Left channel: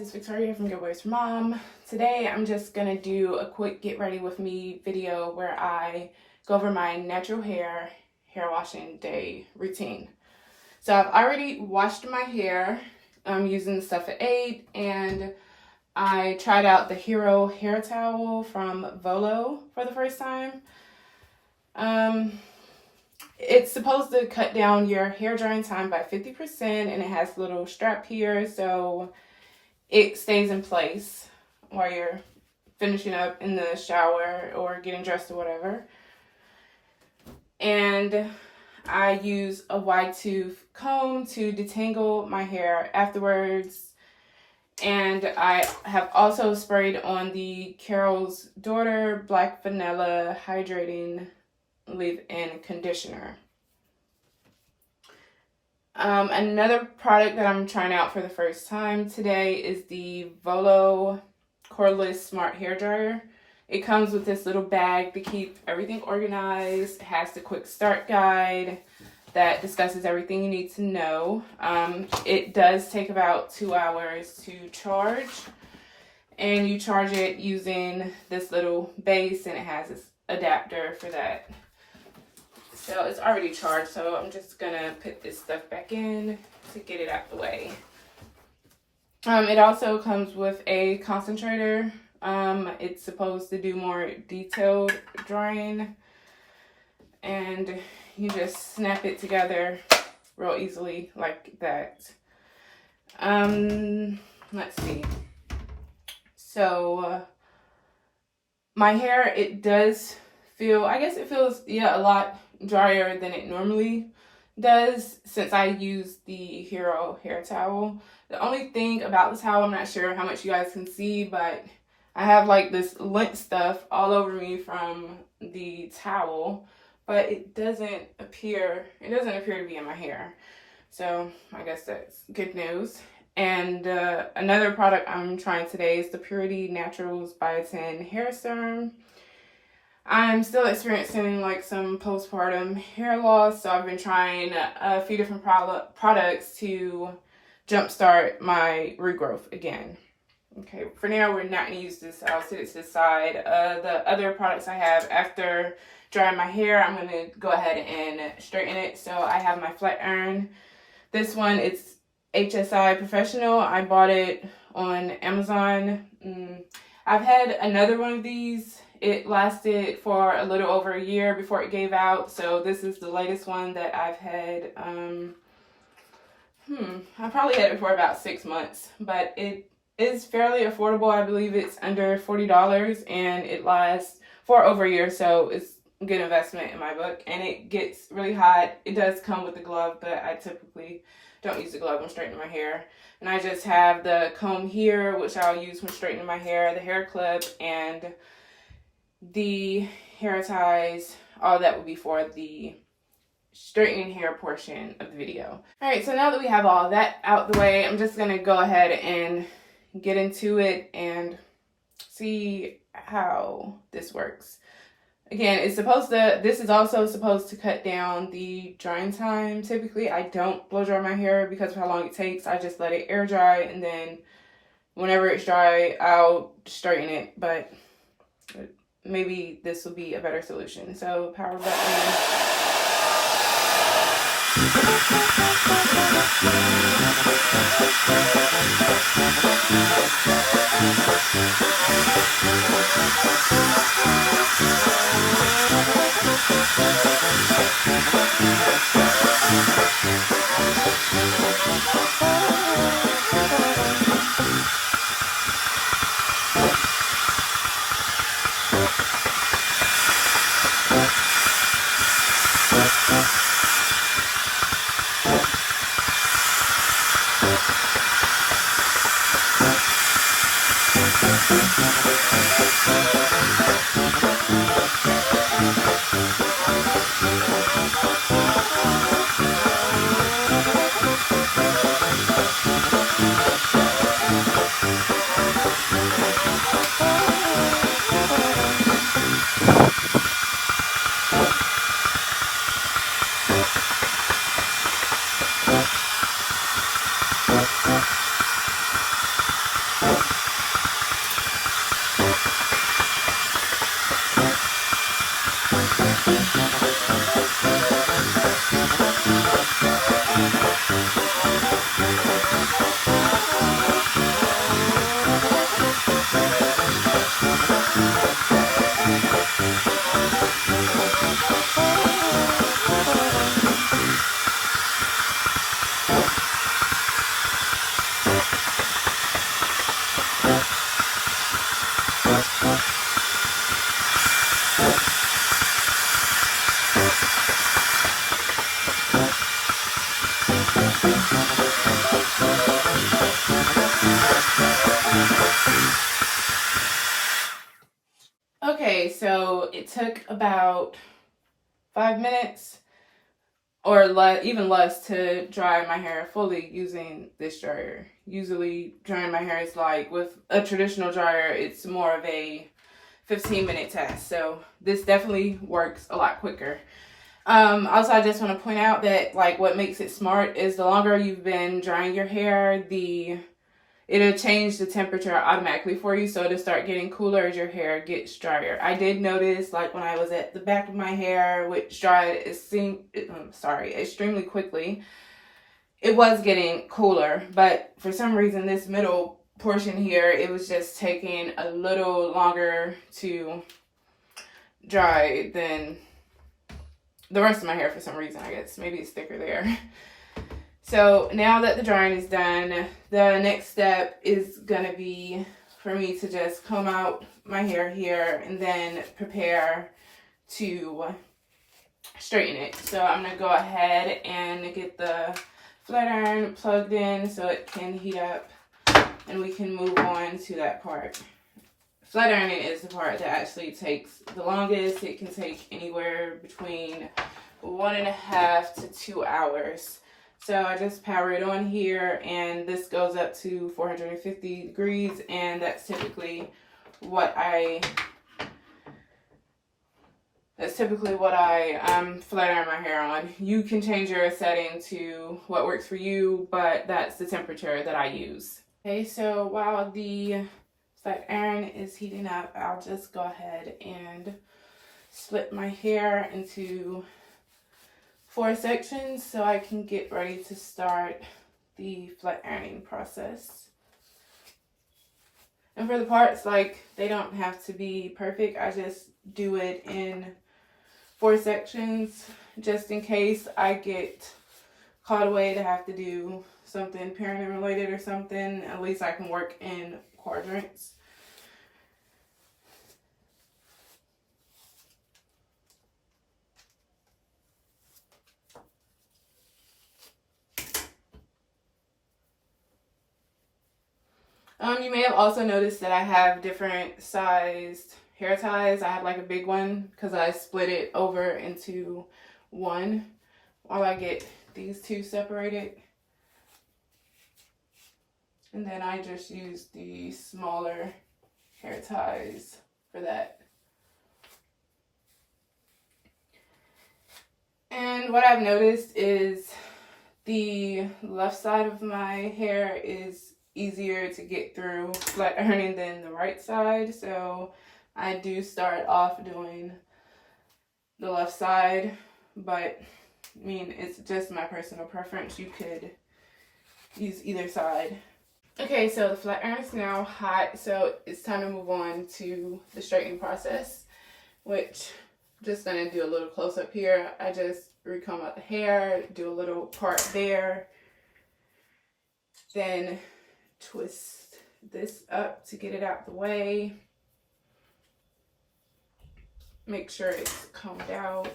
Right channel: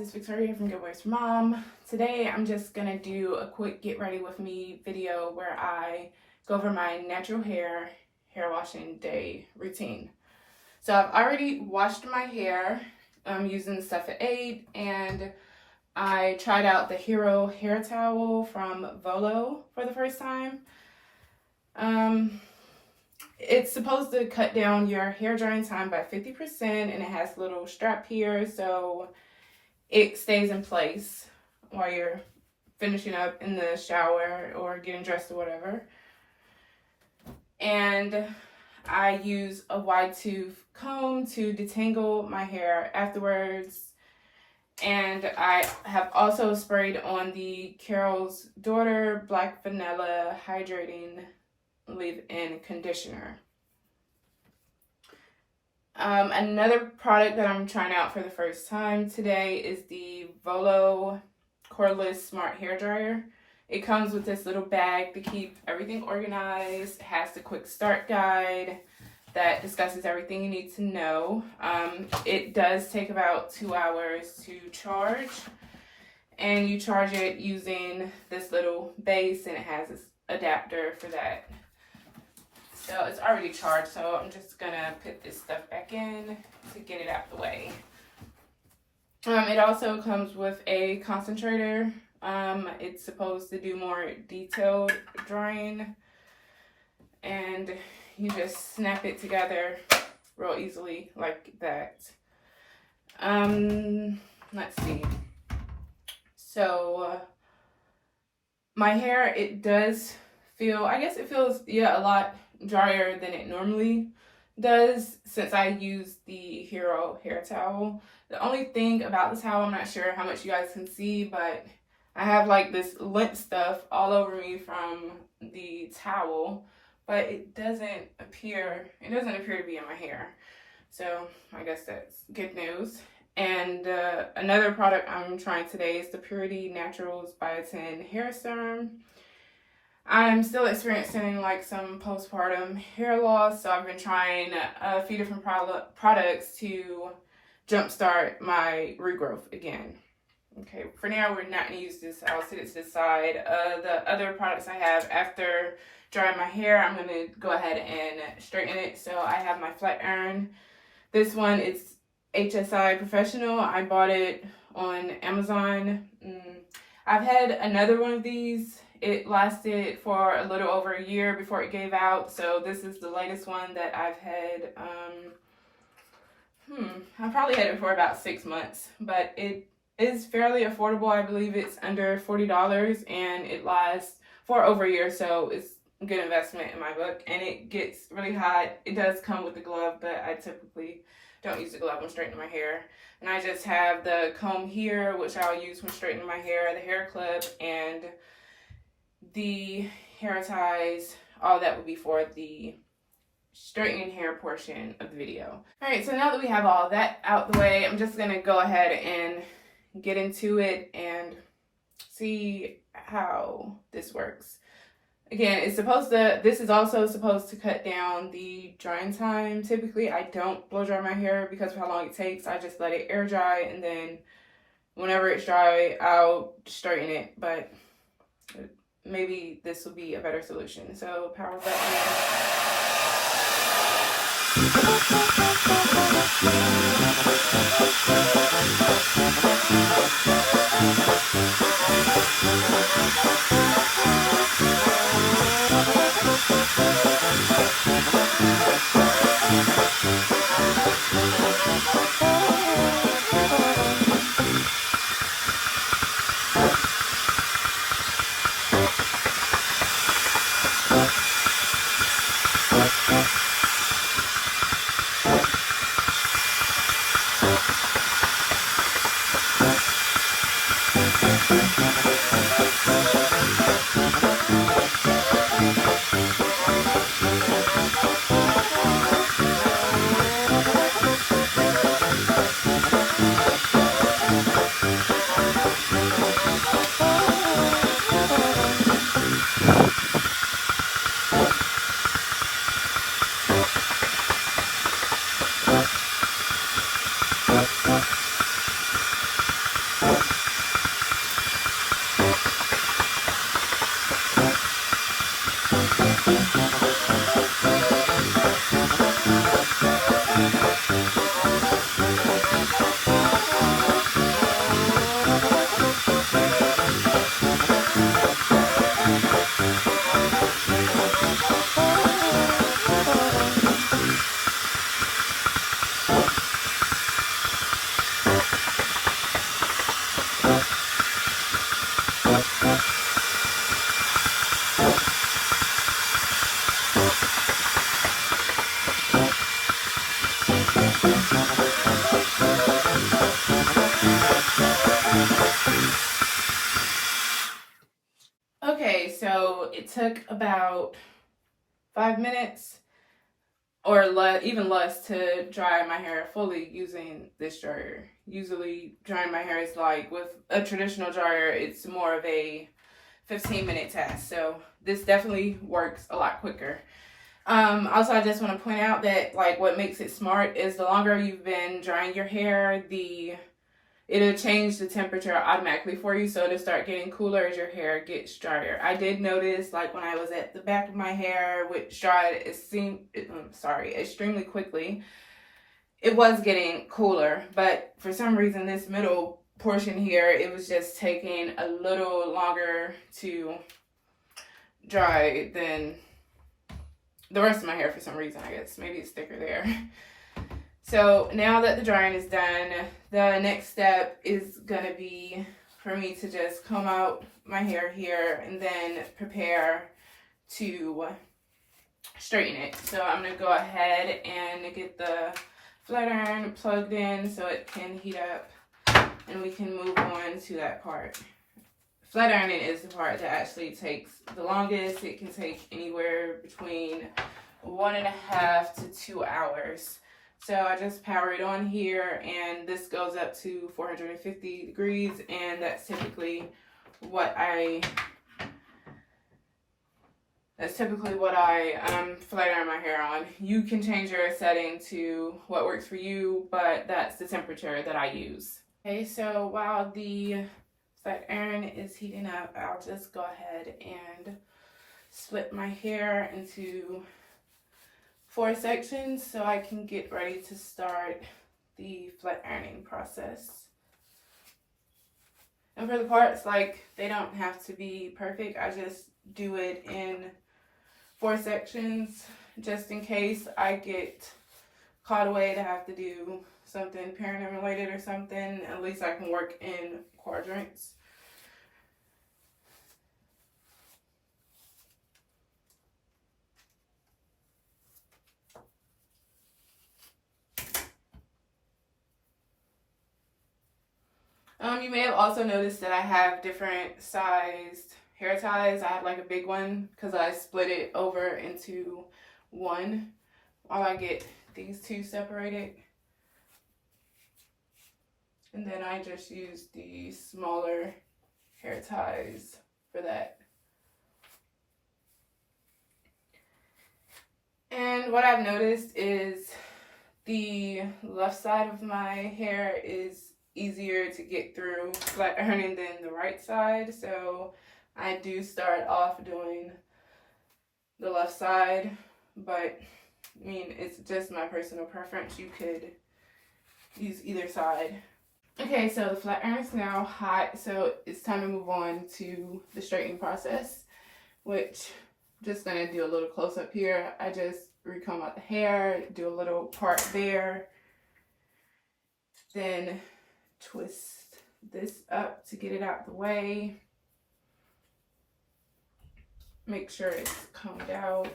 it's Victoria here from Giveaways for Mom. Today I'm just gonna do a quick get ready with me video where I go over my natural hair washing day routine. So I've already washed my hair using the Stuff at 8, and I tried out the Hero hair towel from VOLO for the first time. It's supposed to cut down your hair drying time by 50%, and it has a little strap here so it stays in place while you're finishing up in the shower or getting dressed or whatever. And I use a wide tooth comb to detangle my hair afterwards. And I have also sprayed on the Carol's Daughter Black Vanilla Hydrating Leave-In Conditioner. Another product that I'm trying out for the first time today is the VOLO Cordless Smart Hair Dryer. It comes with this little bag to keep everything organized. It has the quick start guide that discusses everything you need to know. It does take about 2 hours to charge, and you charge it using this little base, and it has this adapter for that. So it's already charged, so I'm just gonna put this stuff back in to get it out the way. It also comes with a concentrator. It's supposed to do more detailed drying, and you just snap it together real easily like that. Let's see. So my hair, it does feel, I guess it feels, a lot drier than it normally does since I use the Hero hair towel. The only thing about the towel, I'm not sure how much you guys can see, but I have like this lint stuff all over me from the towel, but it doesn't appear to be in my hair. So I guess that's good news. And another product I'm trying today is the Purity Naturals Biotin Hair Serum. I'm still experiencing like some postpartum hair loss, so I've been trying a few different products to jumpstart my regrowth again. Okay, for now we're not going to use this. I'll set it to the side. The other products I have after drying my hair, I'm going to go ahead and straighten it. So I have my flat iron. This one, it's HSI Professional. I bought it on Amazon. I've had another one of these. It lasted for a little over a year before it gave out. So this is the latest one that I've had. I probably had it for about 6 months, but it is fairly affordable. I believe it's under $40, and it lasts for over a year. So it's a good investment in my book, and it gets really hot. It does come with a glove, but I typically don't use the glove when straightening my hair. And I just have the comb here, which I'll use when straightening my hair, the hair clip, and the hair ties. All that will be for the straightening hair portion of the video. Alright, so now that we have all that out the way, I'm just going to go ahead and get into it and see how this works. Again, this is also supposed to cut down the drying time. Typically, I don't blow dry my hair because of how long it takes. I just let it air dry, and then whenever it's dry, I'll straighten it. But maybe this will be a better solution. So power button. Okay, so it took about 5 minutes or even less to dry my hair fully using this dryer. Usually drying my hair is like, with a traditional dryer, it's more of a 15-minute task. So this definitely works a lot quicker. Also, I just want to point out that like what makes it smart is the longer you've been drying your hair, it'll change the temperature automatically for you, so it'll start getting cooler as your hair gets drier. I did notice, like when I was at the back of my hair, which dried extremely quickly, it was getting cooler, but for some reason this middle portion here, it was just taking a little longer to dry than the rest of my hair for some reason. I guess maybe it's thicker there. So now that the drying is done, the next step is gonna be for me to just comb out my hair here and then prepare to straighten it. So I'm gonna go ahead and get the flat iron plugged in so it can heat up and we can move on to that part. Flat ironing is the part that actually takes the longest. It can take anywhere between 1.5 to 2 hours. So I just power it on here, and this goes up to 450 degrees, and that's typically what I flat iron my hair on. You can change your setting to what works for you, but that's the temperature that I use. Okay, so while the flat iron is heating up, I'll just go ahead and split my hair into 4 sections so I can get ready to start the flat ironing process. And for the parts, like, they don't have to be perfect. I just do it in 4 sections just in case I get caught away to have to do something parenting related or something. At least I can work in quadrants. You may have also noticed that I have different sized hair ties. I have like a big one because I split it over into one while I get these two separated. And then I just use the smaller hair ties for that. And what I've noticed is the left side of my hair is easier to get through flat ironing than the right side, so I do start off doing the left side, but I mean, it's just my personal preference. You could use either side. Okay, so the flat iron is now hot, so it's time to move on to the straightening process, which I'm just gonna do a little close up here. I just recomb out the hair, do a little part there, then twist this up to get it out the way. Make sure it's combed out.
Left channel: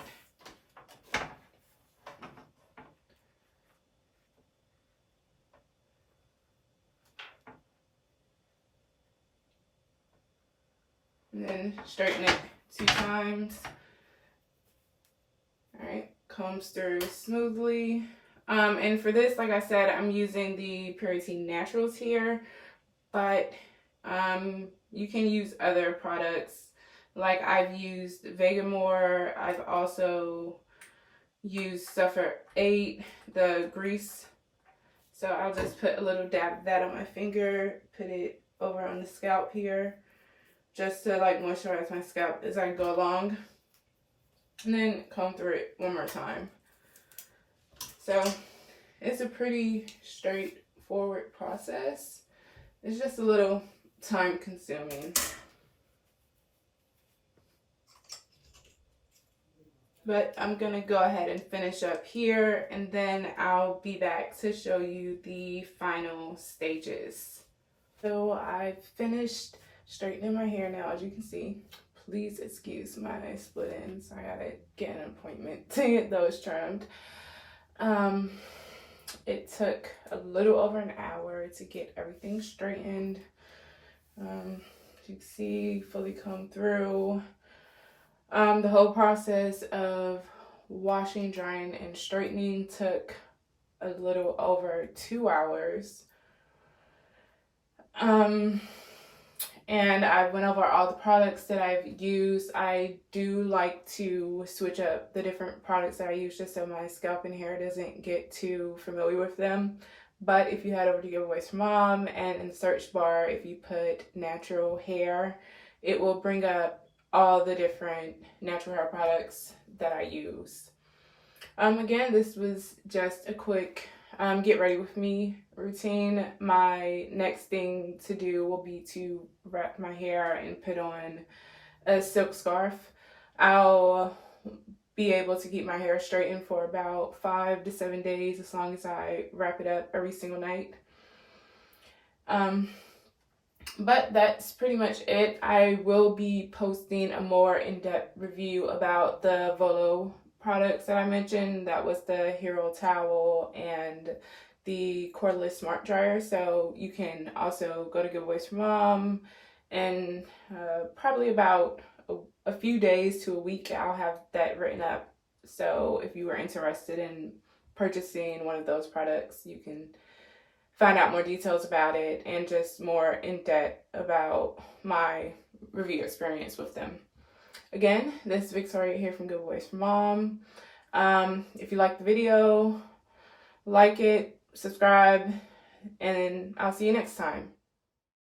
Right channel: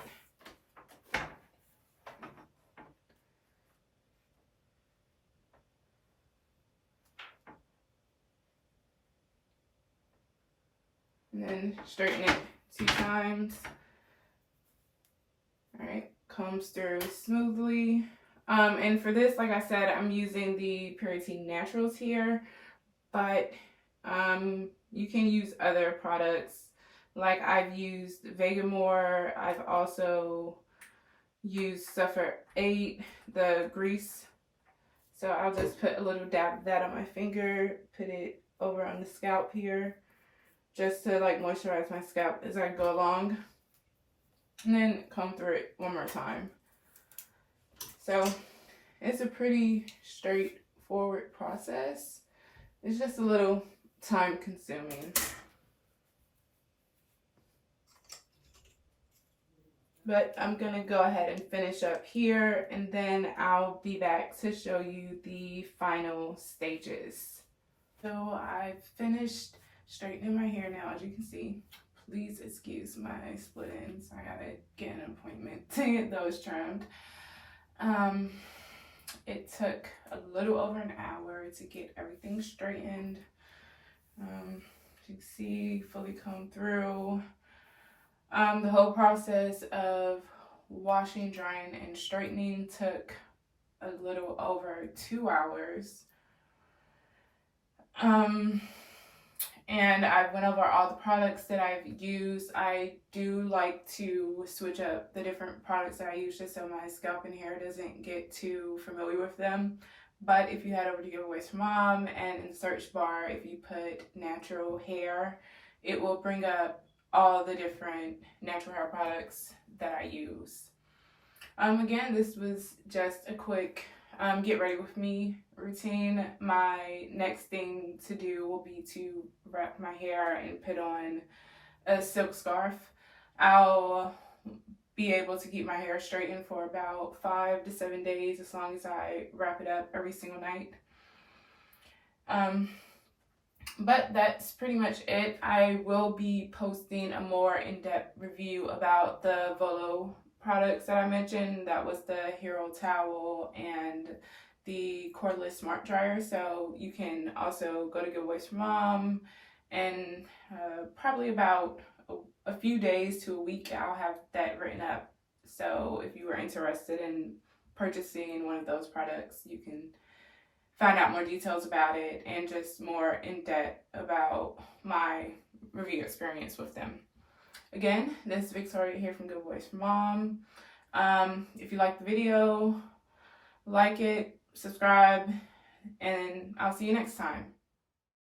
And then straighten it 2 times. All right, combs through smoothly. And for this, like I said, I'm using the Purity Naturals here, but you can use other products. Like I've used Vegamore. I've also used Suffer 8, the grease. So I'll just put a little dab of that on my finger, put it over on the scalp here, just to like moisturize my scalp as I go along. and then comb through it one more time. So it's a pretty straightforward process. It's just a little time consuming. But I'm gonna go ahead and finish up here, and then I'll be back to show you the final stages. So I've finished straightening my hair now, as you can see. Please excuse my split ends. I gotta get an appointment to get those trimmed. It took a little over an hour to get everything straightened. As you can see, fully combed through. The whole process of washing, drying, and straightening took a little over 2 hours. And I went over all the products that I've used. I do like to switch up the different products that I use just so my scalp and hair doesn't get too familiar with them. But if you head over to Giveaways for Mom, and in the search bar, if you put natural hair, it will bring up all the different natural hair products that I use. Again, this was just a quick get ready with me routine. My next thing to do will be to wrap my hair and put on a silk scarf. I'll be able to keep my hair straightened for about 5 to 7 days as long as I wrap it up every single night. But that's pretty much it. I will be posting a more in-depth review about the VOLO products that I mentioned. That was the Hero Towel and the Cordless Smart Dryer. So you can also go to Giveaways for Mom, and probably about a few days to a week I'll have that written up. So if you are interested in purchasing one of those products, you can find out more details about it and just more in depth about my review experience with them. Again, this is Victoria here from Giveaways for Mom. If you like the video, like it, subscribe, and I'll see you next time.